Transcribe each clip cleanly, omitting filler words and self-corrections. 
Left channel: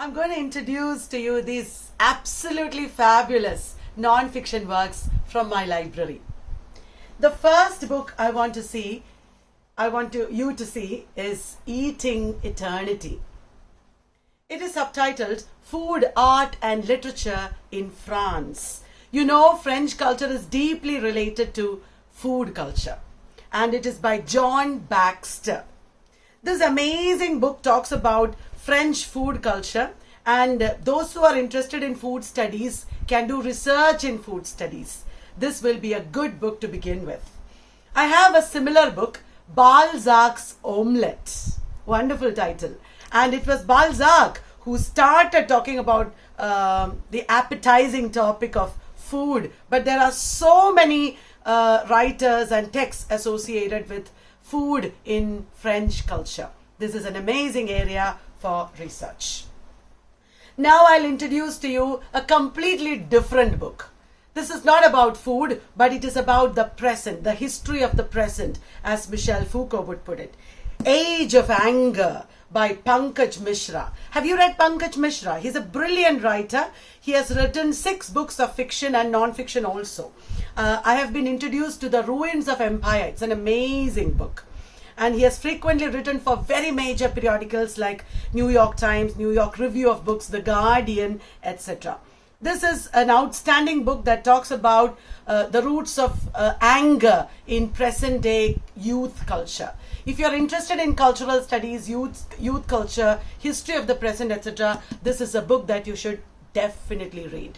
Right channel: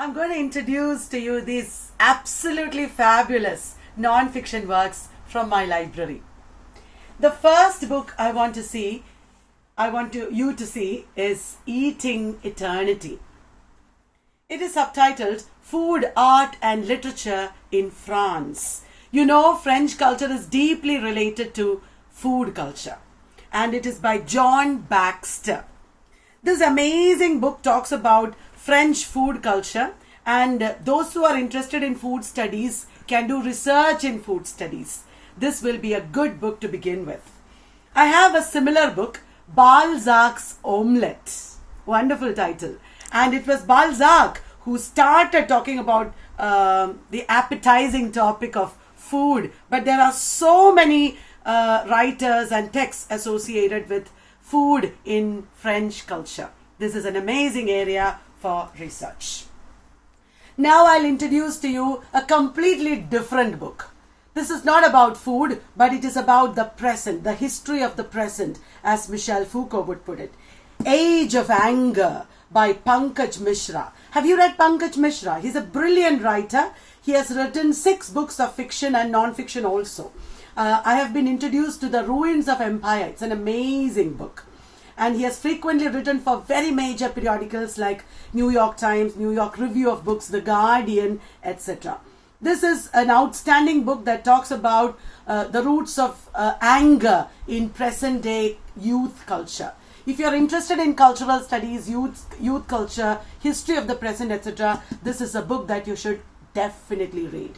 I'm going to introduce to you these absolutely fabulous non-fiction works from my library. The first book I want you to see is Eating Eternity. It is subtitled Food, Art and Literature in France. You know, French culture is deeply related to food culture, and it is by John Baxter. This amazing book talks about French food culture, and those who are interested in food studies can do research in food studies. This will be a good book to begin with. I have a similar book, Balzac's Omelette. Wonderful title. And it was Balzac who started talking about the appetizing topic of food. But there are so many writers and texts associated with food in French culture. This is an amazing area for research. Now I'll introduce to you a completely different book. This is not about food, but it is about the present, the history of the present, as Michel Foucault would put it. Age of Anger by Pankaj Mishra. Have you read Pankaj Mishra? He's a brilliant writer. He has written 6 books of fiction and non-fiction also. I have been introduced to The Ruins of Empire. It's an amazing book. And he has frequently written for very major periodicals like New York Times, New York Review of Books, The Guardian, etc. This is an outstanding book that talks about the roots of anger in present day youth culture. If you're interested in cultural studies, youth culture, history of the present, etc., this is a book that you should definitely read.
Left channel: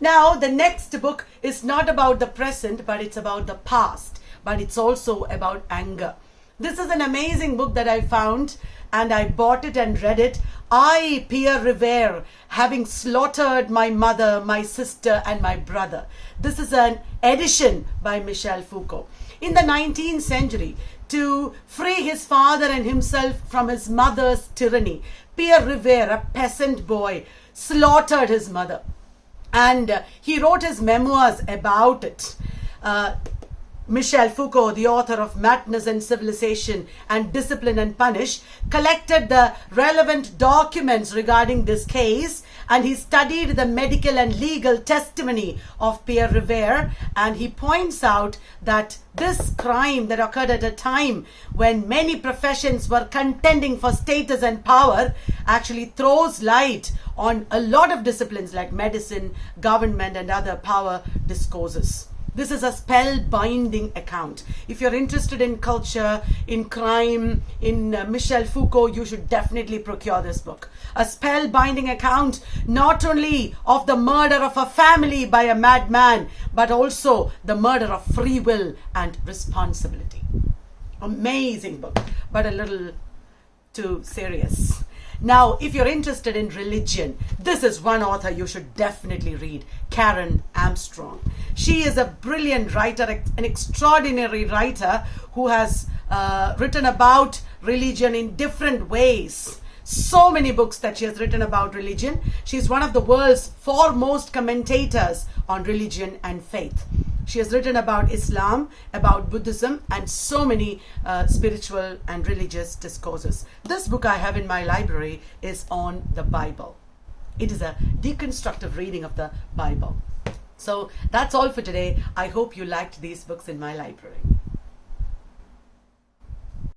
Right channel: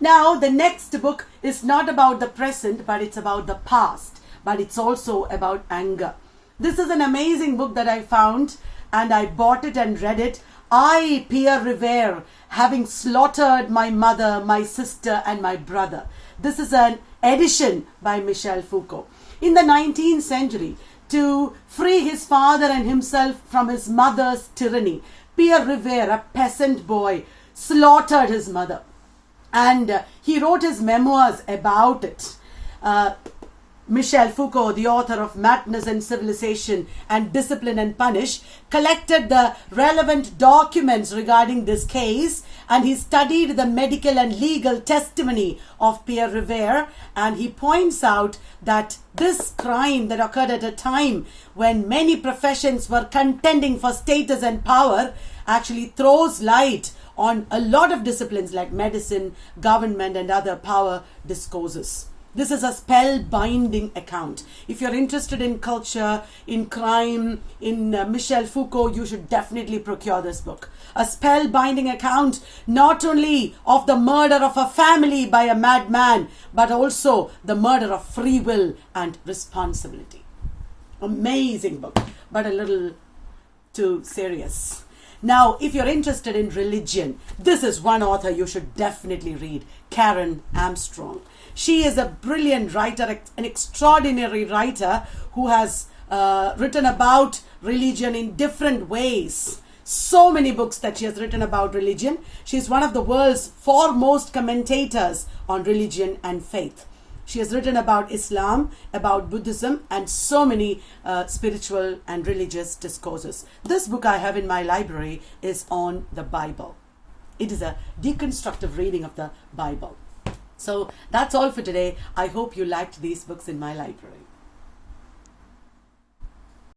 Now, the next book is not about the present, but it's about the past. But it's also about anger. This is an amazing book that I found, and I bought it and read it. I, Peer Revi, having slaughtered my mother, my sister, and my brother. This is an edition by Michel Foucault. In the 19th century, to free his father and himself from his mother's tyranny, Peer Revi, a peasant boy, slaughtered his mother. And he wrote his memoirs about it. Michel Foucault, the author of Madness and Civilization and Discipline and Punish, collected the relevant documents regarding this case, and he studied the medical and legal testimony of Peer Revi, and he points out that this crime that occurred at a time when many professions were contending for status and power actually throws light on a lot of disciplines like medicine, government, and other power discourses. This is a spellbinding account. If you're interested in culture, in crime, in Michel Foucault, you should definitely procure this book. A spellbinding account not only of the murder of a family by a madman, but also the murder of free will and responsibility. Amazing book, but a little too serious. Now, if you're interested in religion, this is one author you should definitely read, Karen Armstrong. She is a brilliant writer, an extraordinary writer who has written about religion in different ways. So many books that she has written about religion. She's one of the world's foremost commentators on religion and faith. She has written about Islam, about Buddhism, and so many spiritual and religious discourses. This book I have in my library is on the Bible. It is a deconstructive reading of the Bible. So that's all for today. I hope you liked these books in my library.